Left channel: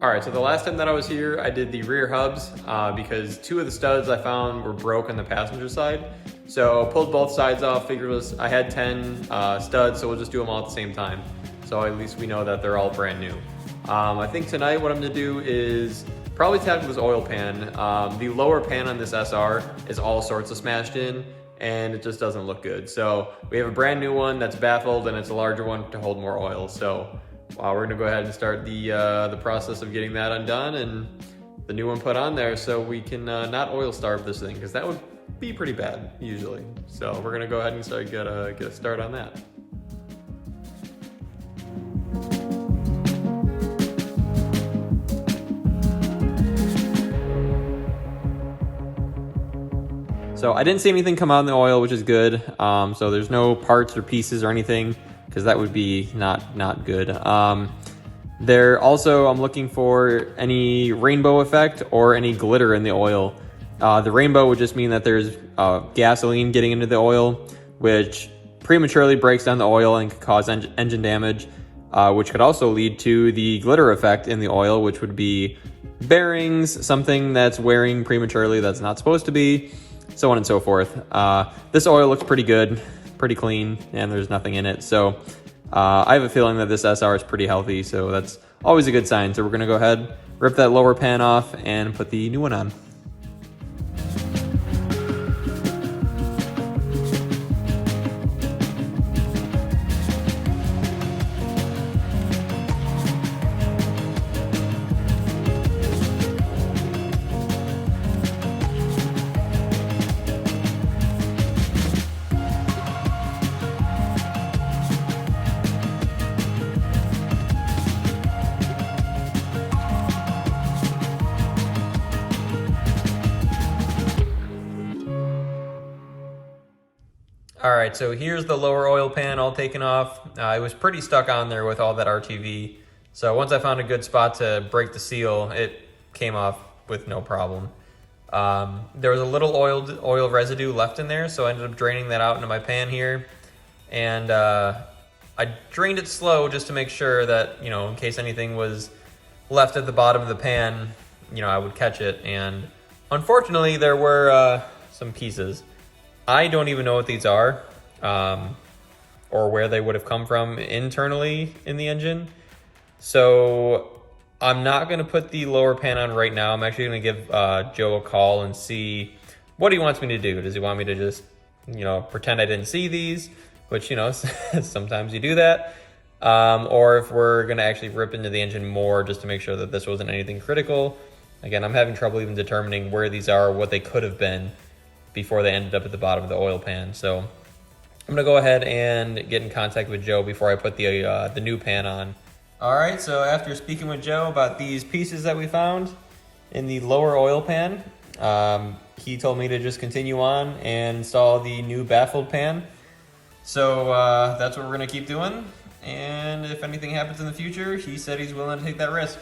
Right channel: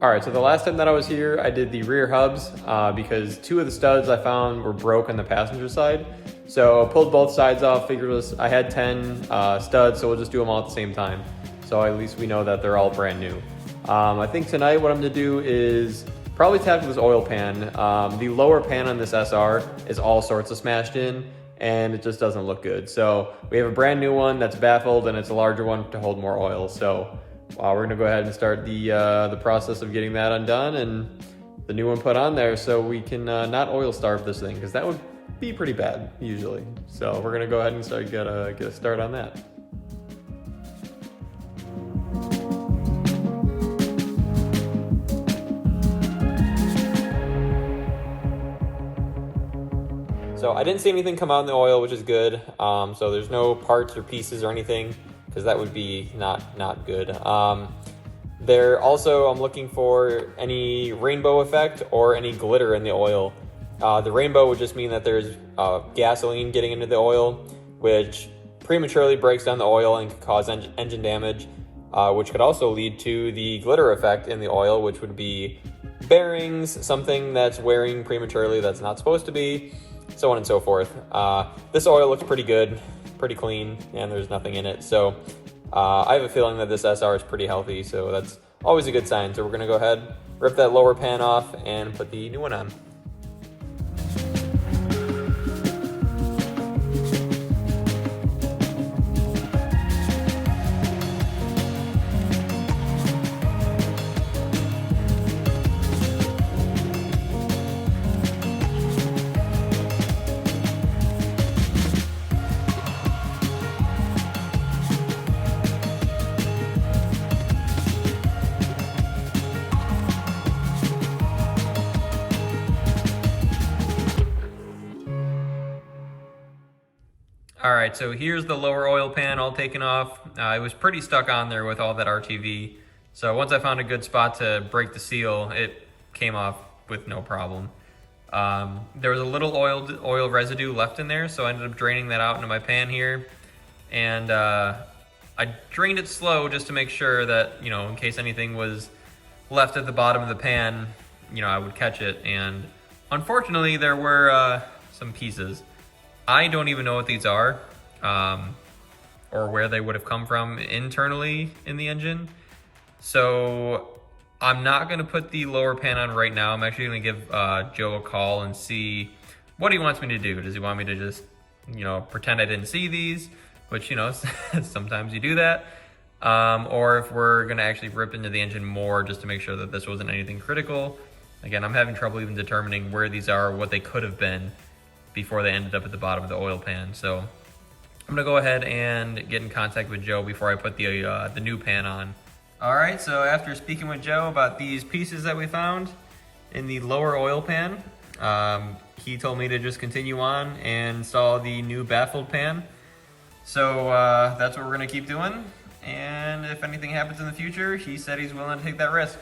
All right, so the last time that I was here, I did the rear hubs because two of the studs I found were broke on the passenger side. So pulled both sides off, figured I had 10 studs, so we'll just do them all at the same time. So at least we know that they're all brand new. I think tonight what I'm gonna do is probably tap with this oil pan. The lower pan on this SR is all sorts of smashed in and it just doesn't look good. So we have a brand new one that's baffled and it's a larger one to hold more oil. So we're gonna go ahead and start the process of getting that undone and the new one put on there so we can not oil starve this thing, because that would be pretty bad usually. So we're gonna go ahead and get a start on that. So I didn't see anything come out in the oil, which is good. So there's no parts or pieces or anything, because that would be not good. There also, I'm looking for any rainbow effect or any glitter in the oil. The rainbow would just mean that there's gasoline getting into the oil, which prematurely breaks down the oil and could cause engine damage, which could also lead to the glitter effect in the oil, which would be bearings, something that's wearing prematurely that's not supposed to be, so on and so forth. This oil looks pretty good, pretty clean, and there's nothing in it. So I have a feeling that this SR is pretty healthy, so that's always a good sign. So we're gonna go ahead, rip that lower pan off and put the new one on. All right, so here's the lower oil pan all taken off. It was pretty stuck on there with all that RTV. So once I found a good spot to break the seal, it came off with no problem. There was a little oil residue left in there, so I ended up draining that out into my pan here. And I drained it slow just to make sure that, you know, in case anything was left at the bottom of the pan, you know, I would catch it. And unfortunately, there were some pieces. I don't even know what these are, or where they would have come from internally in the engine. So I'm not gonna put the lower pan on right now. I'm actually gonna give Joe a call and see what he wants me to do. Does he want me to just, you know, pretend I didn't see these, which, you know, sometimes you do that. Or if we're gonna actually rip into the engine more just to make sure that this wasn't anything critical. Again, I'm having trouble even determining where these are, what they could have been before they ended up at the bottom of the oil pan. So I'm gonna go ahead and get in contact with Joe before I put the new pan on. All right, so after speaking with Joe about these pieces that we found in the lower oil pan, he told me to just continue on and install the new baffled pan. So that's what we're gonna keep doing. And if anything happens in the future, he said he's willing to take that risk.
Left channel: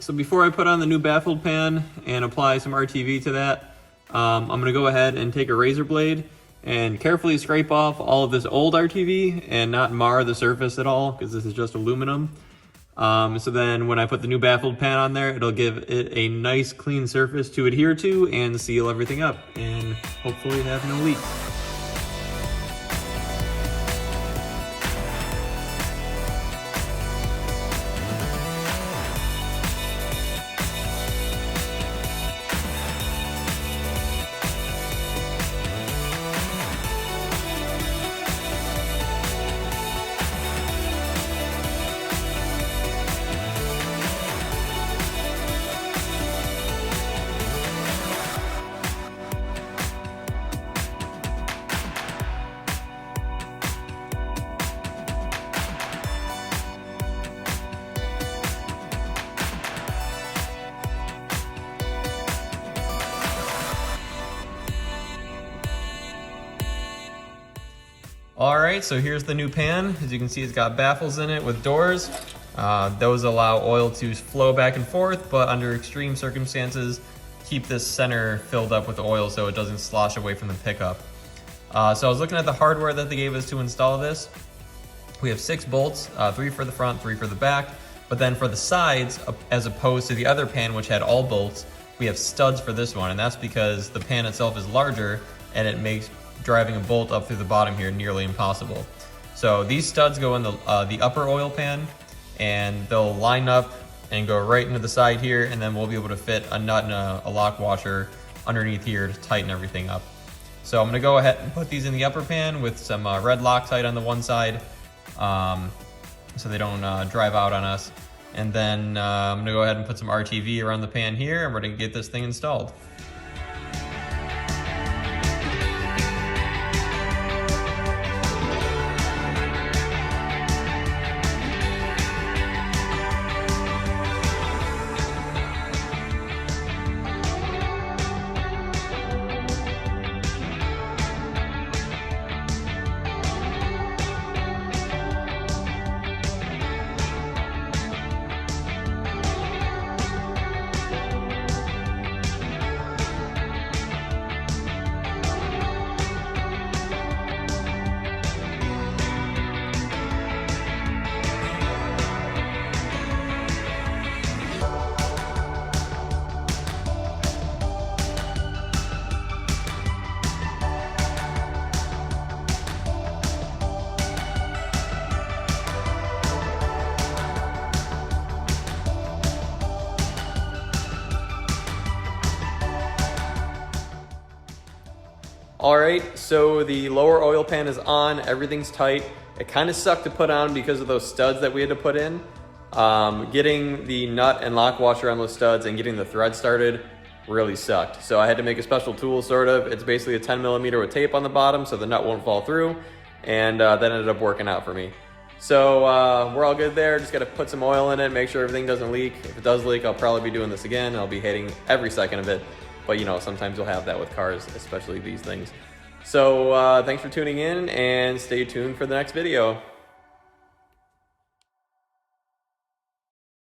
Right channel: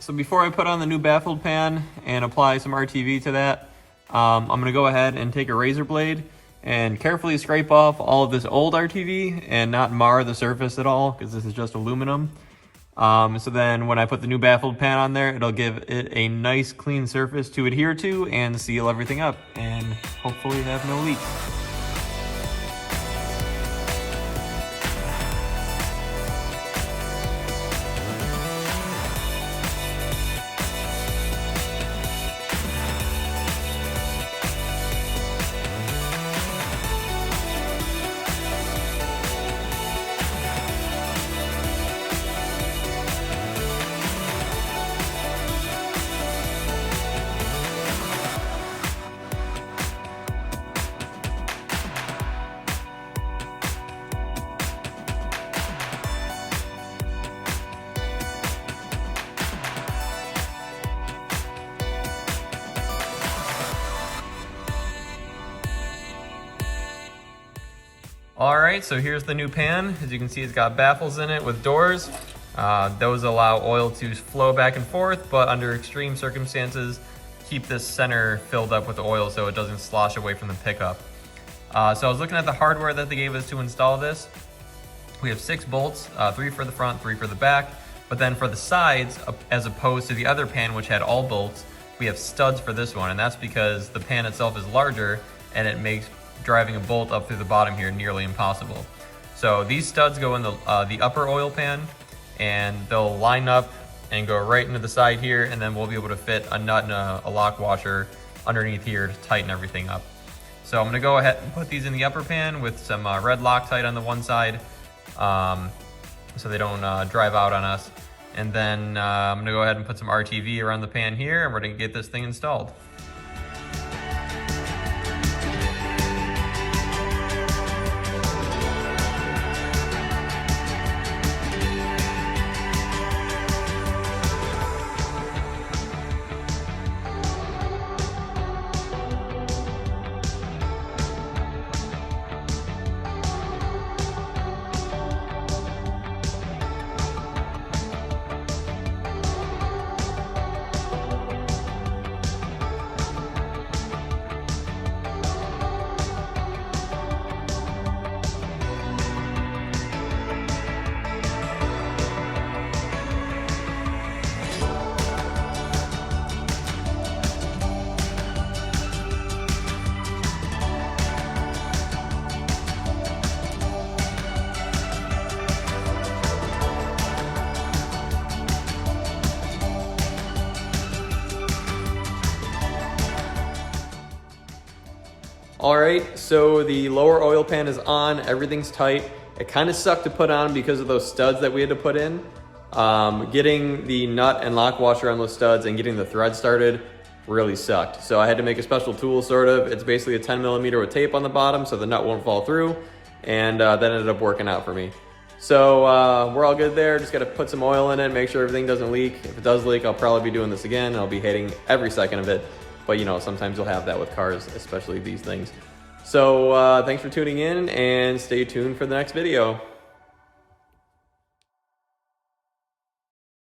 So before I put on the new baffled pan and apply some RTV to that, I'm gonna go ahead and take a razor blade and carefully scrape off all of this old RTV and not mar the surface at all, because this is just aluminum. So then when I put the new baffled pan on there, it'll give it a nice clean surface to adhere to and seal everything up and hopefully have no leaks. All right, so here's the new pan. As you can see, it's got baffles in it with doors. Those allow oil to flow back and forth, but under extreme circumstances, keep this center filled up with oil so it doesn't slosh away from the pickup. So I was looking at the hardware that they gave us to install this. We have 6 bolts, 3 for the front, 3 for the back, But then for the sides, as opposed to the other pan which had all bolts, we have studs for this one, and that's because the pan itself is larger and it makes driving a bolt up through the bottom here nearly impossible. So these studs go in the upper oil pan, and they'll line up and go right into the side here, and then we'll be able to fit a nut and a lock washer underneath here to tighten everything up. So I'm gonna go ahead and put these in the upper pan with some red Loctite on the one side, so they don't drive out on us. And then I'm gonna go ahead and put some RTV around the pan here, and we're gonna get this thing installed. All right, so the lower oil pan is on, everything's tight. It kind of sucked to put on because of those studs that we had to put in. Getting the nut and lock washer on those studs and getting the thread started really sucked. So I had to make a special tool, sort of. It's basically a 10mm with tape on the bottom so the nut won't fall through, and that ended up working out for me. So we're all good there. Just gotta put some oil in it, make sure everything doesn't leak. If it does leak, I'll probably be doing this again. I'll be hating every second of it. But you know, sometimes you'll have that with cars, especially these things. So thanks for tuning in, and stay tuned for the next video.